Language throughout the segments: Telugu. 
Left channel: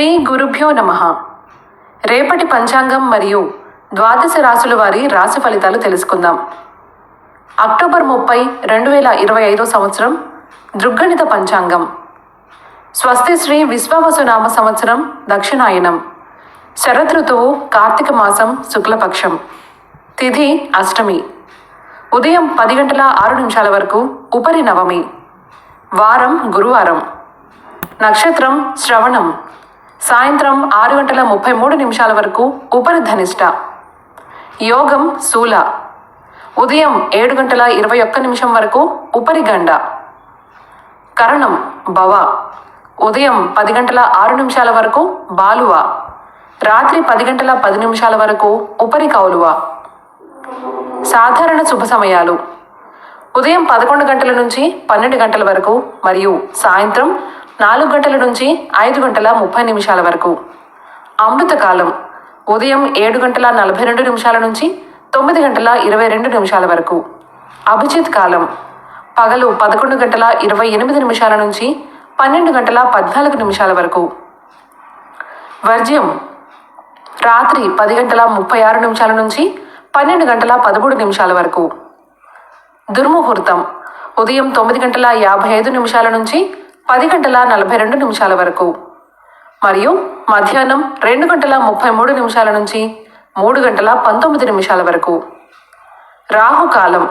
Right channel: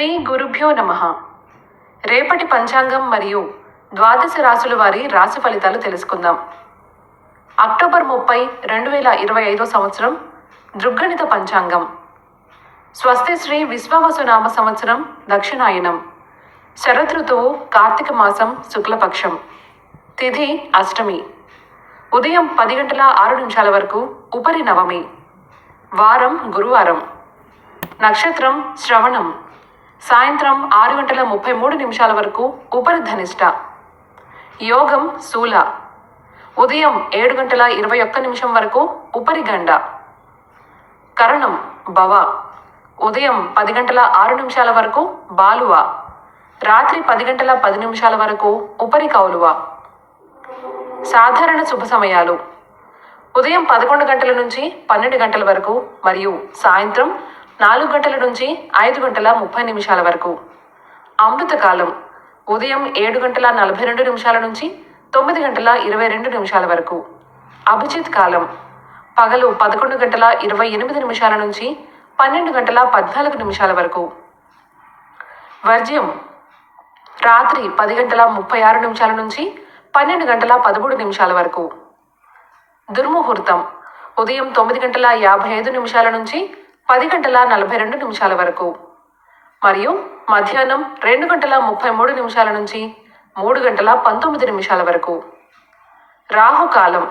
శ్రీ గురుభ్యో నమః. రేపటి పంచాంగం మరియు ద్వాదశ రాశుల వారి రాశి ఫలితాలు తెలుసుకుందాం. అక్టోబర్ 30, 2025 సంవత్సరం దృగ్గణిత పంచాంగం. స్వస్తి శ్రీ విశ్వావసునామ సంవత్సరం దక్షిణాయనం. శరదృతువు కార్తీక మాసం శుక్లపక్షం. తిథి అష్టమి. ఉదయం 10 గంటల 6 నిమిషాల వరకు ఉపరి నవమి. వారం గురువారం. నక్షత్రం శ్రవణం. సాయంత్రం 6 గంటల 33 నిమిషాల వరకు ఉపరి ధనిష్ట. యోగం శూల. ఉదయం 7 గంటల 21 నిమిషం వరకు ఉపరి గండ. కరణం భవ. ఉదయం 10 గంటల 6 నిమిషాల వరకు బాలువ. రాత్రి 10 గంటల 10 నిమిషాల వరకు ఉపరి కౌలువ. సాధారణ శుభ సమయాలు ఉదయం 11 గంటల నుంచి 12 గంటల వరకు మరియు సాయంత్రం 4 గంటల నుంచి 5 గంటల 30 నిమిషాల వరకు. అమృతకాలం ఉదయం 7 గంటల 42 నిమిషాల నుంచి 9 గంటల 22 నిమిషాల వరకు. అభిజిత్ కాలం పగలు 11 గంటల 28 నిమిషాల నుంచి 12 గంటల 14 నిమిషాల వరకు. వర్జ్యం రాత్రి 10 గంటల 36 నిమిషాల నుంచి 12 గంటల 13 నిమిషాల వరకు. దుర్ముహూర్తం ఉదయం 9 గంటల 55 నిమిషాల నుంచి 10 గంటల 42 నిమిషాల వరకు మరియు మధ్యాహ్నం 2 గంటల 33 నిమిషాల నుంచి 3 గంటల 19 నిమిషాల వరకు. రాహుకాలం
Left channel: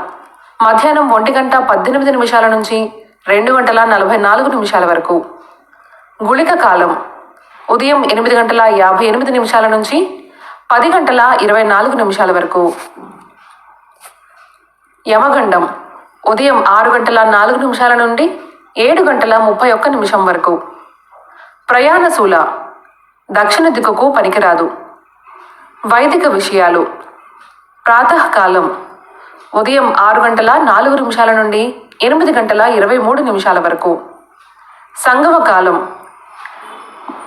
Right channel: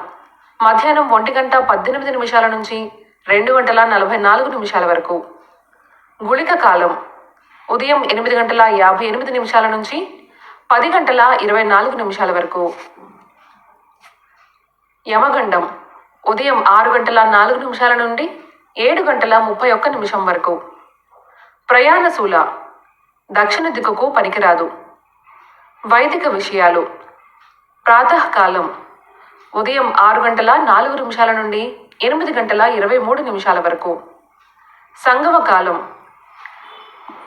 మధ్యాహ్నం 1 గంట 18 నిమిషాల నుంచి 2 గంటల 44 నిమిషాల వరకు. గుళిక కాలం ఉదయం 8 గంటల 58 నిమిషాల నుంచి 10 గంటల 24 నిమిషాల వరకు. యమగండం ఉదయం 6 గంటల 4 నిమిషాల నుండి 7 గంటల 31 నిమిషం వరకు. ప్రయాణశూల దక్షిణ దిక్కుకు పనికిరాదు. వైదిక విషయాలు ప్రాతకాలం ఉదయం 6 గంటల 4 నిమిషాల నుండి 8 గంటల 23 నిమిషాల వరకు. సంగమ కాలం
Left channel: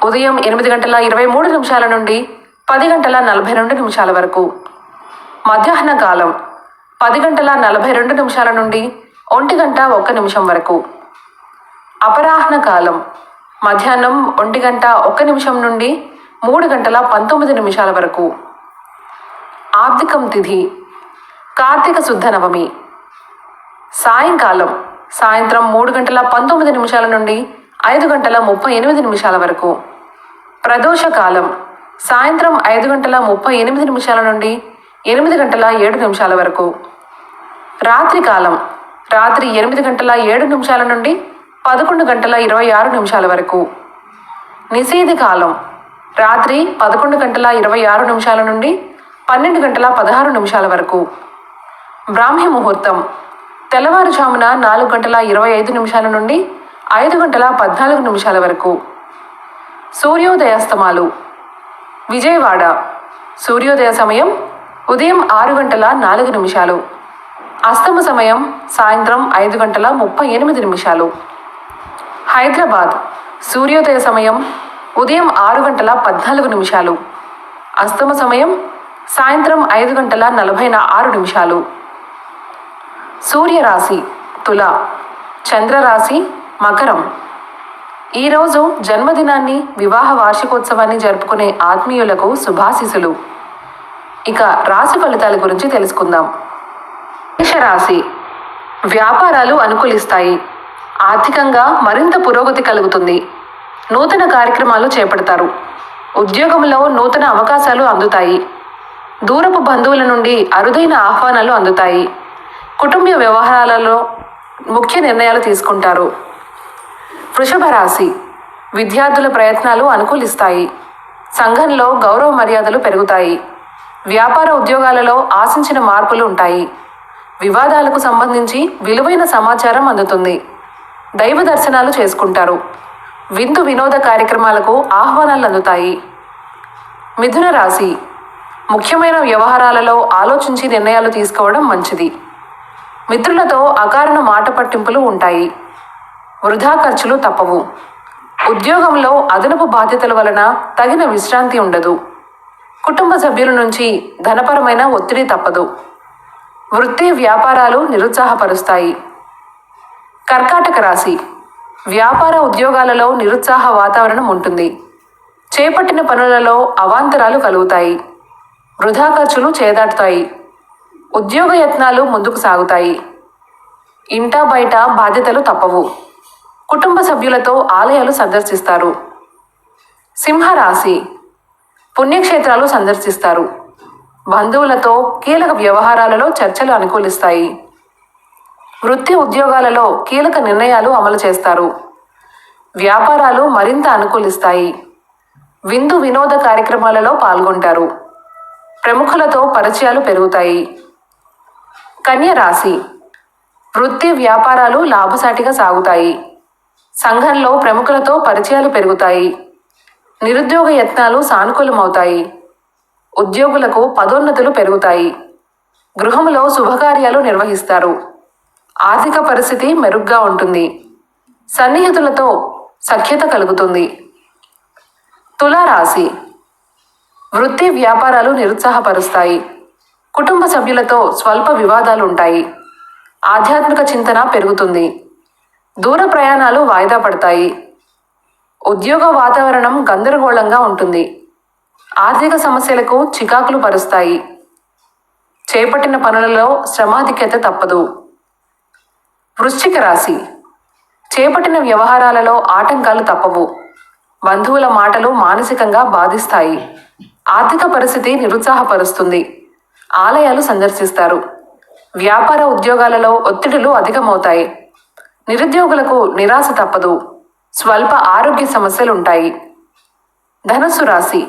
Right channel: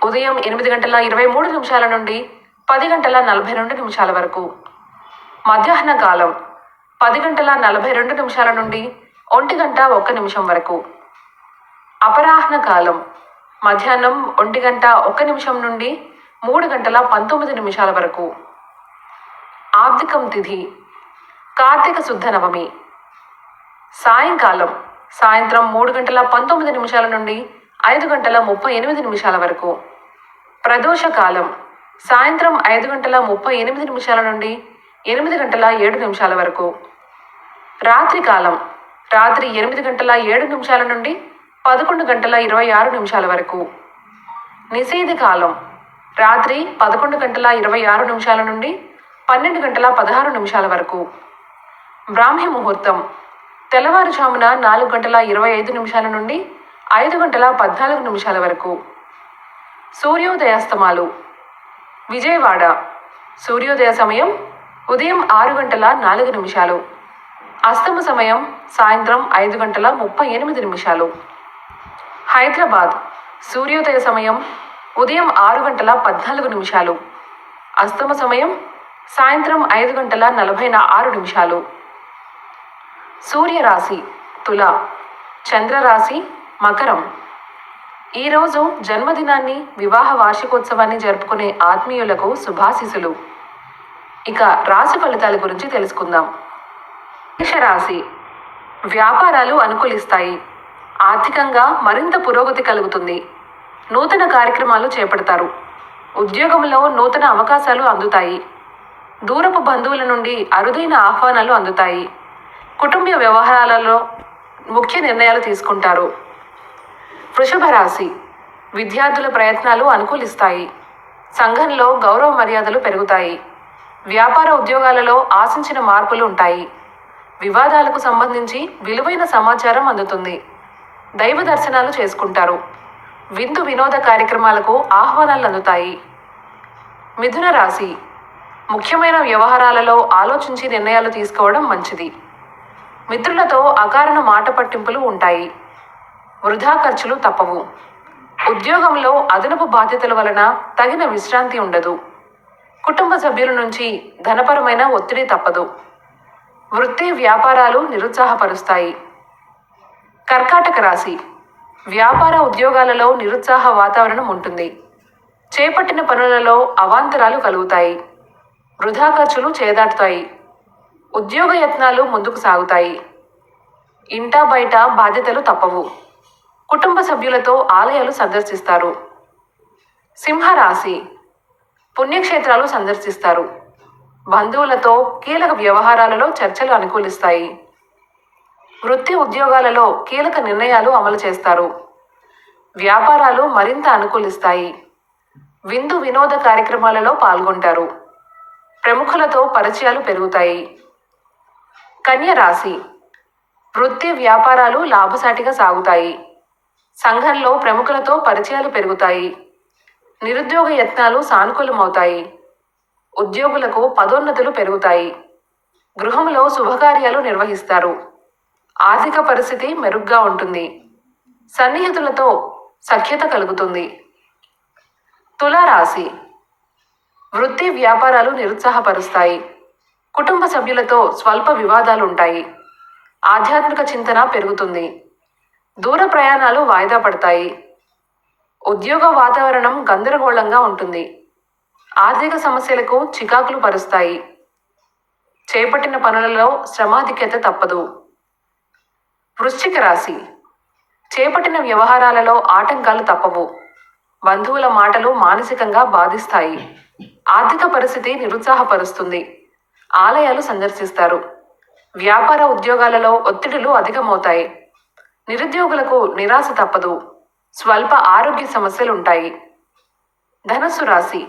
ఉదయం 8 గంటల 23 నిమిషాల నుండి 10 గంటల 42 నిమిషాల వరకు. మధ్యాహ్న కాలం 10 గంటల 42 నిమిషాల నుండి 1 గంట 1 నిమిషం వరకు. అపరాహ్న కాలం మధ్యాహ్నం 1 గంట 1 నిమిషం నుండి 3 గంటల 19 నిమిషాల వరకు. ఆబ్దికం తిథి కార్తీక శుద్ధ నవమి. సాయంకాలం సాయంత్రం 3 గంటల 19 నిమిషాల నుండి 5 గంటల 38 నిమిషాల వరకు. ప్రదోష కాలం సాయంత్రం 5 గంటల 38 నిమిషాల నుండి 8 గంటల 7 నిమిషాల వరకు. రాత్రి కాలం రాత్రి 8 గంటల 7 నిమిషాల నుండి 11 గంటల 26 నిమిషాల వరకు. నిషేధి కాలం రాత్రి 11 గంటల 26 నిమిషాల నుండి 12 గంటల 16 నిమిషాల వరకు. బ్రాహ్మీ ముహూర్తం తెల్లవారుజామున 4 గంటల 25 నిమిషాల నుండి 5 గంటల 14 నిమిషాల వరకు. సూర్యోదయాస్తమాలు విజయవాడ సూర్యోదయ సమయం ఉదయం 6 గంటల 4 నిమిషాలు. అస్తమ సమయం సాయంత్రం 5 గంటల 38 నిమిషాలు. హైదరాబాద్ సూర్యోదయ సమయం ఉదయం 6 గంటల 14 నిమిషాలు. అస్తమ సమయం సాయంత్రం 5 గంటల 46 నిమిషాలు. సూర్యరాశి తుల, చంద్రరాశి మకరం. ఈరోజు జన్మదినాన్ని వివాహ వార్షికోత్సవాన్ని జరుపుకునే ఆత్మీయులకు శుభాశీస్సులు. ఇక రాశి ఫలితాల గురించి తెలుసుకుందాం. మేషరాశి వ్యాపారాలు అనుకూలిస్తాయి. ఆర్థికంగా మరింత పురోగతి కలుగుతుంది. నూతన కార్యక్రమాలు చేపడతారు. ఉద్యోగంలో నూతన అవకాశాలు అందుతాయి. దూరపు బంధువుల నుండి అరుదైన ఆహ్వానాలు అందుతాయి. కుటుంబ వ్యవహారాలలో ముఖ్య నిర్ణయాలు తీసుకుంటారు. వృషభ రాశి విద్యార్థుల ప్రయత్నాలు అనుకూలిస్తాయి. సంఘంలో గౌరవ మర్యాదలు పెరుగుతాయి. వ్యాపార ఉద్యోగాలలో ఆశించిన మార్పులు ఉంటాయి. వివాదాలకు సంబంధించి విలువైన సమాచారం అందుతుంది. దైవ దర్శనాలు చేసుకుంటారు. విందు వినోద కార్యక్రమాలకు ఆహ్వానాలు అందుతాయి. మిథున రాశి ముఖ్యమైన వ్యవహారాలలో ఆలోచించి నిర్ణయాలు తీసుకోవడం మంచిది. మిత్రులతో అకారణ మాట పట్టింపులు ఉంటాయి. వృధా ఖర్చులు తప్పవు. ఉద్యోగంలో అదనపు బాధ్యతల వలన తగిన విశ్రాంతి ఉండదు. కుటుంబ సభ్యుల నుంచి ధనపరమైన ఒత్తిడి తప్పదు. వృత్తి వ్యాపారాలు నిరుత్సాహపరుస్తాయి. కర్కాటక రాశి వ్యాపార ఉద్యోగాలలో నిరుత్సాహ వాతావరణం ఉంటుంది. చేపట్టిన పనులలో అవాంతరాలు కలుగుతాయి. వృధా ఖర్చులు చేదాటుతాయి. ఉద్యోగ యత్నాలు ముందుకు సాగుతాయి. ఇంటా బయట బాధ్యతలు తప్పవు. కుటుంబ సభ్యులతో ఆలయాలు సందర్శిస్తారు. సింహరాశి పుణ్యక్షేత్రాలు సందర్శిస్తారు. బంధువులతో కీలక వ్యవహారాలలో చర్చలు అనుకూలిస్తాయి. వృత్తి ఉద్యోగాలలో కీలక నిర్ణయాలు అమలు చేస్తారు. వ్యాపారాలు మరింత అనుకూలిస్తాయి. విందు వినోద కార్యక్రమాలలో పాల్గొంటారు. ప్రముఖులతో పరిచయాలు పెరుగుతాయి. కన్య రాశి వృత్తి వ్యాపారాలు లాభసాటిగా సాగుతాయి. సంఘంలో ప్రముఖులతో పరిచయాలు పెరుగుతాయి. నిరుద్యోగ యత్నాలు సానుకూలమవుతాయి. ఉద్యోగులకు పదోన్నతులు పెరుగుతాయి. గృహంలో శుభకార్యాలు నిర్వహిస్తారు. ఆర్థిక పరిస్థితి మెరుగ్గా ఉంటుంది. సన్నిహితులతో సఖ్యత కలుగుతుంది. తులారాశి వృత్తి వ్యాపారాలు నిరుత్సాహపరుస్తాయి. కుటుంబ సభ్యులతో స్వల్ప వివాదాలు ఉంటాయి. ఆధ్యాత్మిక చింతన పెరుగుతుంది. దూర ప్రయాణాలు వాయిదా పడతాయి. ఉద్యోగ వాతావరణం గందరగోళంగా ఉంటుంది. ఆర్థిక సమస్యలకు చికాకులు పరుస్తాయి. చేపట్టిన పనులలో శ్రమాధిక్యత తప్పదు. వృశ్చిక రాశి చేపట్టిన వ్యవహారాలలో ఆటంకాలు తప్పవు. బంధువుల మాటలు మానసికంగా బాధిస్తాయి. ఆర్థిక పరిస్థితి నిరుత్సాహపరుస్తుంది. ఆలయాలు సందర్శిస్తారు. వ్యాపార ఉద్యోగాలలో ఒత్తిడులు అధికమవుతాయి. నిరుద్యోగులకు నిరాశ తప్పదు. స్వల్ప ఆరోగ్య సమస్యలుంటాయి. ధనుస్సు రాశి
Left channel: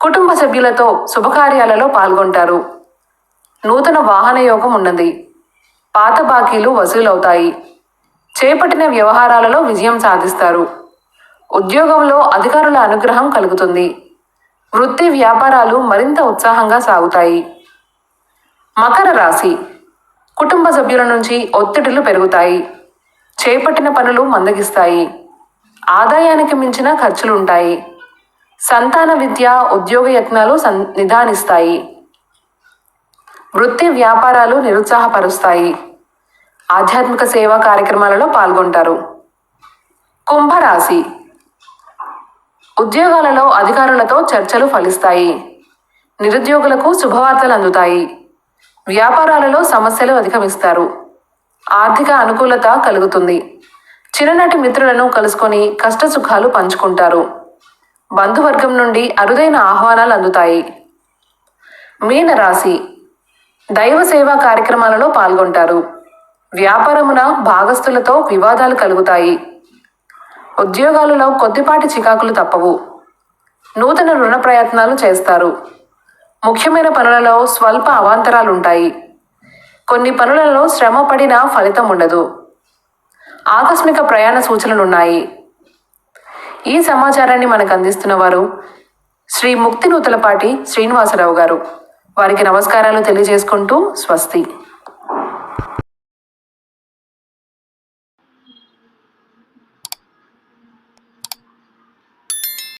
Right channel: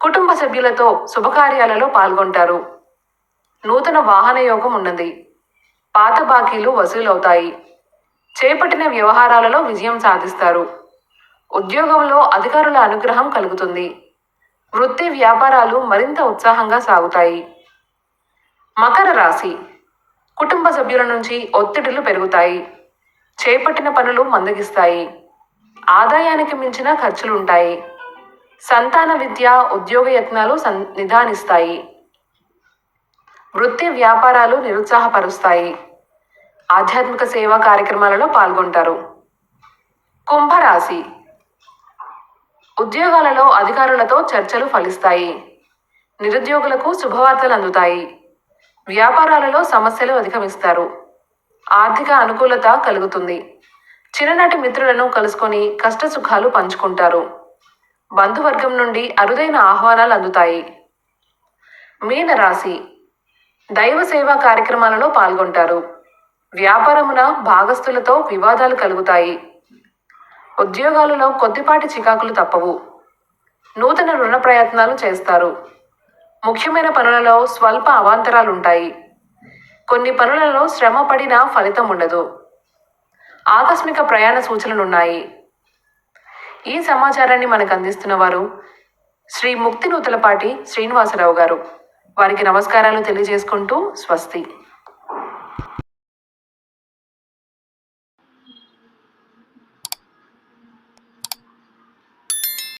కుటుంబ సభ్యులతో శుభకార్యాలలో పాల్గొంటారు. నూతన వాహన యోగం ఉన్నది. పాత బాకీలు వసూలవుతాయి. చేపట్టిన వ్యవహారాలలో విజయం సాధిస్తారు. ఉద్యోగంలో అధికారుల అనుగ్రహం కలుగుతుంది. వృత్తి వ్యాపారాలు మరింత ఉత్సాహంగా సాగుతాయి. మకర రాశి కుటుంబ సభ్యుల నుంచి ఒత్తిడులు పెరుగుతాయి. చేపట్టిన పనులు మందగిస్తాయి. ఆదాయానికి మించిన ఖర్చులుంటాయి. సంతాన విద్య ఉద్యోగ యత్నాలు నిదానిస్తాయి. వృత్తి వ్యాపారాలు నిరుత్సాహపరుస్తాయి. ఆధ్యాత్మిక సేవా కార్యక్రమాలలో పాల్గొంటారు. కుంభరాశి ఉద్యోగాలలో అధికారులతో చర్చలు ఫలిస్తాయి. నిరుద్యోగులకు శుభవార్తలు అందుతాయి. వ్యాపారాలలో సమస్యలు అధిగమిస్తారు. ఆర్థిక అనుకూలత కలుగుతుంది. చిన్ననాటి మిత్రులను కలుసుకొని కష్ట సుఖాలు పంచుకుంటారు. బంధువర్గం నుండి అరుదైన ఆహ్వానాలు అందుతాయి. మీనరాశి దైవ సేవా కార్యక్రమాలలో పాల్గొంటారు. వ్యాపారమున భాగస్థులతో వివాదాలు కలుగుతాయి. ఉద్యోగాలలో కొద్దిపాటి చికాకులు తప్పవు. నూతన రుణ ప్రయత్నాలు చేస్తారు. ముఖ్యమైన పనులలో స్వల్ప అవాంతరాలుంటాయి. కొన్ని పనులలో శ్రమ పడినా ఫలితం ఉండదు. ఆకస్మిక ప్రయాణ సూచనలున్నాయి. ఈ సమాచారాన్ని మనకు అందిస్తున్న వారు శ్రీ ముక్తి నూతలపాటి శ్రీనివాసరావు గారు. వారికి నమస్కారాలు తెలియజేసుకుంటూ స్వస్తి.